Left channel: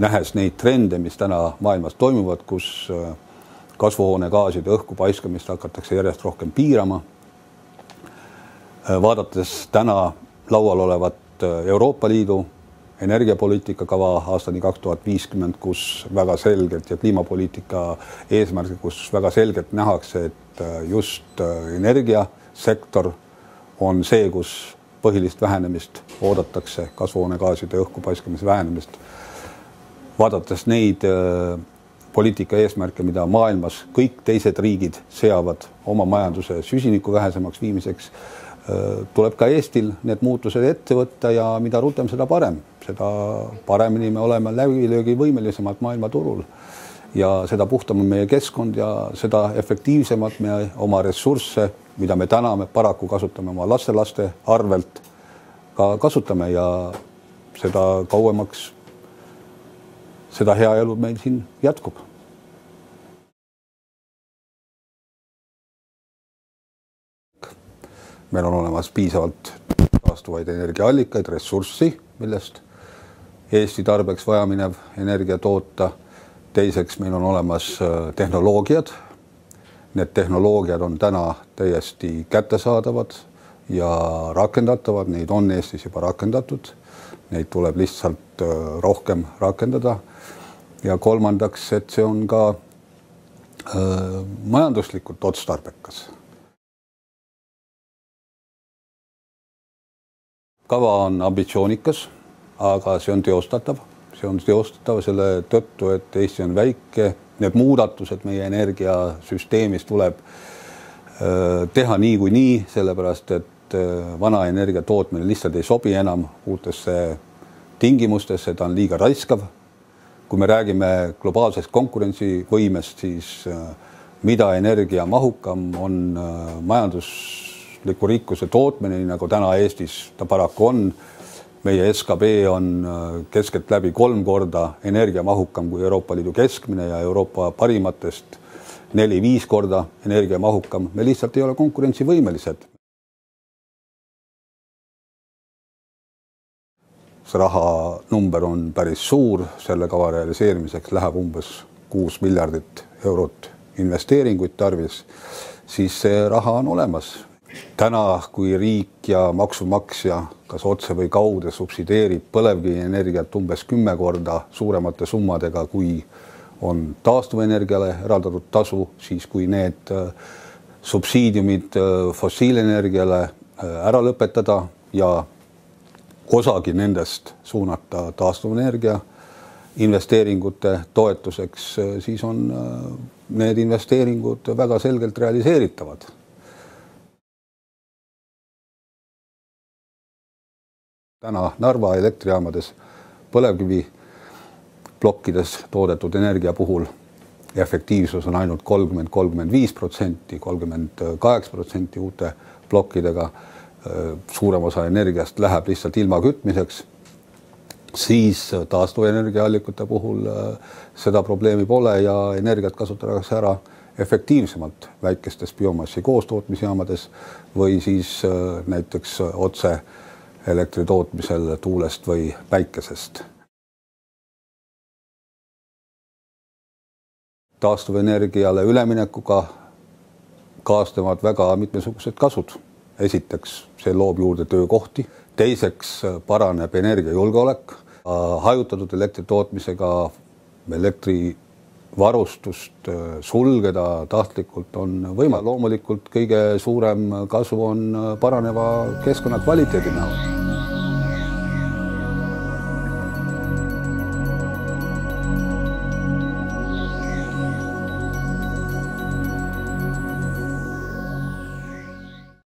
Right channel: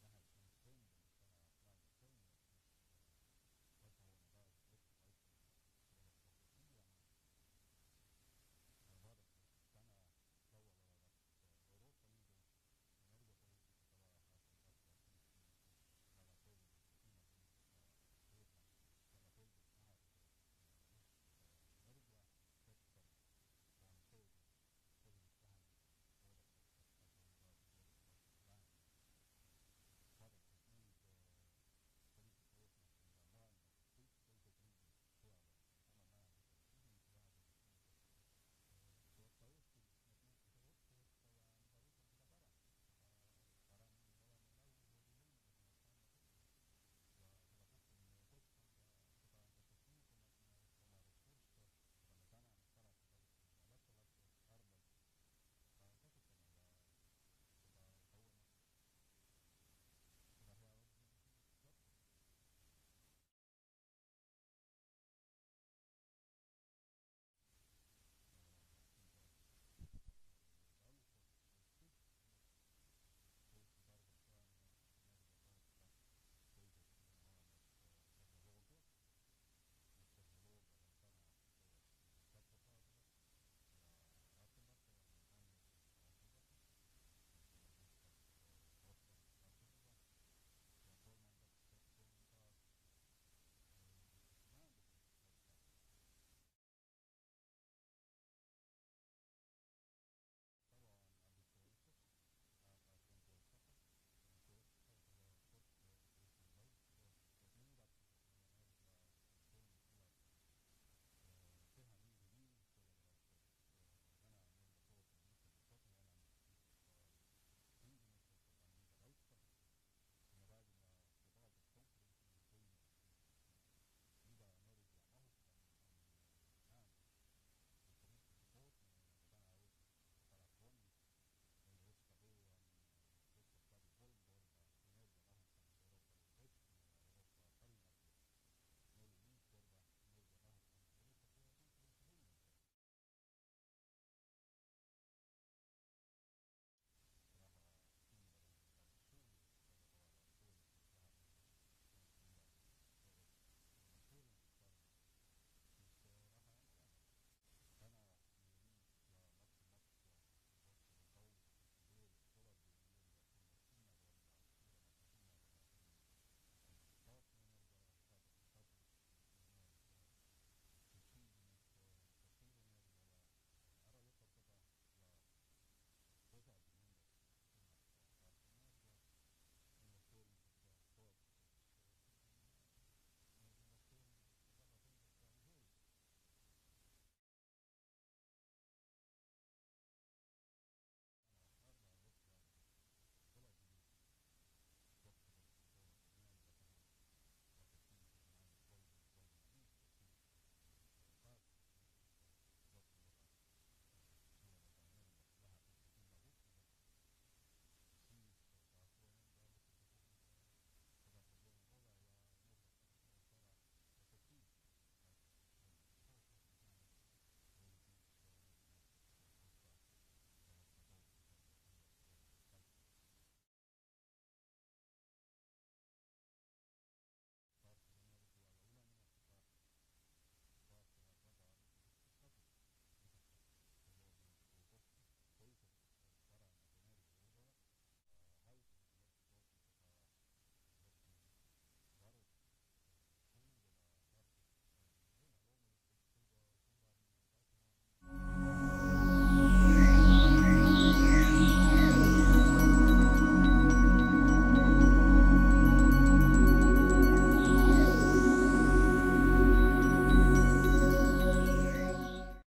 nähes neid trende, mis täna maailmas toimuvad, kus kasvuhoonegaaside õhku paiskamist hakatakse järjest rohkem piirama. Vaadates täna laual olevat Euroopa Liidu energiapoliitika kava aastani 2050, kus väga selgelt ja kliimapoliitika eesmärgi, kus väga selgelt nähakse, et just energiasektor on see, kus põhilist vähenemist oodatakse, kasvuhoonegaaside õhku paiskamise vähenemist. Vaadates neid poliitika eesmärke, mida maailmas kõik teised riigid seavad oma majanduse süsiniku vähesemaks viimiseks, tuleb ka Eestil need muutused ette võtta ja mida rutem, seda parem. Seda paremini me oleme läbilöögi võimelisemalt maailmaturul ja seda puhtam on meie keskkond ja seda efektiivsemalt me oma ressursse, mida me täna paraku kasutame oma lastelaste arvelt, ka kasutame ja seda kauemaks seda hea elu meil siin jätkub. Meil on olemas piisavalt taastuvaid energiaallikaid, ressurssi, millest Eesti tarbeks vajaminev energia toota. Teiseks meil on olemas tehnoloogiad. Need tehnoloogiad on täna täiesti kättesaadavad ja rakendatavad. Neid on Eestis juba rakendatud. Neid tuleb lihtsalt rohkem rakendada. Ja kolmandaks, et see on ka majanduslikult otstarbekas. Kava on ambitsioonikas, aga see on teostatav. See on teostatav selle tõttu, et Eesti on väike. Need muudatused meie energiasüsteemis tuleb teha nii kui nii, sellepärast et vana energia tootmine lihtsalt ei sobi enam uutesse tingimustesse, ta on liiga raiskav. Kui me räägime globaalsest konkurentsivõimest, siis mida energiamahukam on majandusliku rikkuse tootmine, nagu täna Eestis ta paraku on. Meie SKB on keskelt läbi 3 korda energiamahukam kui Euroopa Liidu keskmine ja Euroopa parimatest 4-5 korda energiamahukam. Me lihtsalt ei ole konkurentsivõimelised. See raha number on päris suur, selle kava realiseerimiseks läheb umbes 6 miljardit eurot investeeringuid tarvis, siis see raha on olemas. Täna, kui riik ja maksumaksja kas otse või kaude subsideerib põlevkivienergiat umbes 10 korda suuremate summadega, kui on taastuvenergiale eraldatud tasu, siis kui need subsiidiumid fossiilenergiale ära lõpetada ja osagi nendest suunata taastuvenergia investeeringute toetuseks, siis on need investeeringud väga selgelt realiseeritavad. Täna Narva elektrijaamades põlevkivi plokkides toodetud energia puhul efektiivsus on ainult 30-35%, 38% uute plokkidega. Suurem osa energiast läheb lihtsalt ilma kütmiseks, siis taastuvenergiaallikute puhul seda probleemi pole ja energiat kasutatakse ära efektiivsemalt väikestes biomassi koostootmisjaamades või siis näiteks otse elektri tootmisel tuulest või päikesest. Taastuvenergiale üleminekuga kaasnevad väga mitmesugused kasud. Esiteks, see loob juurde töökohti. Teiseks, paraneb energiajulgeolek. Hajutatud elektri tootmisega elektrivarustust sulgeda tahtlikult on võimalik. Loomulikult kõige suurem kasu on paraneva keskkonna kvaliteedi näol.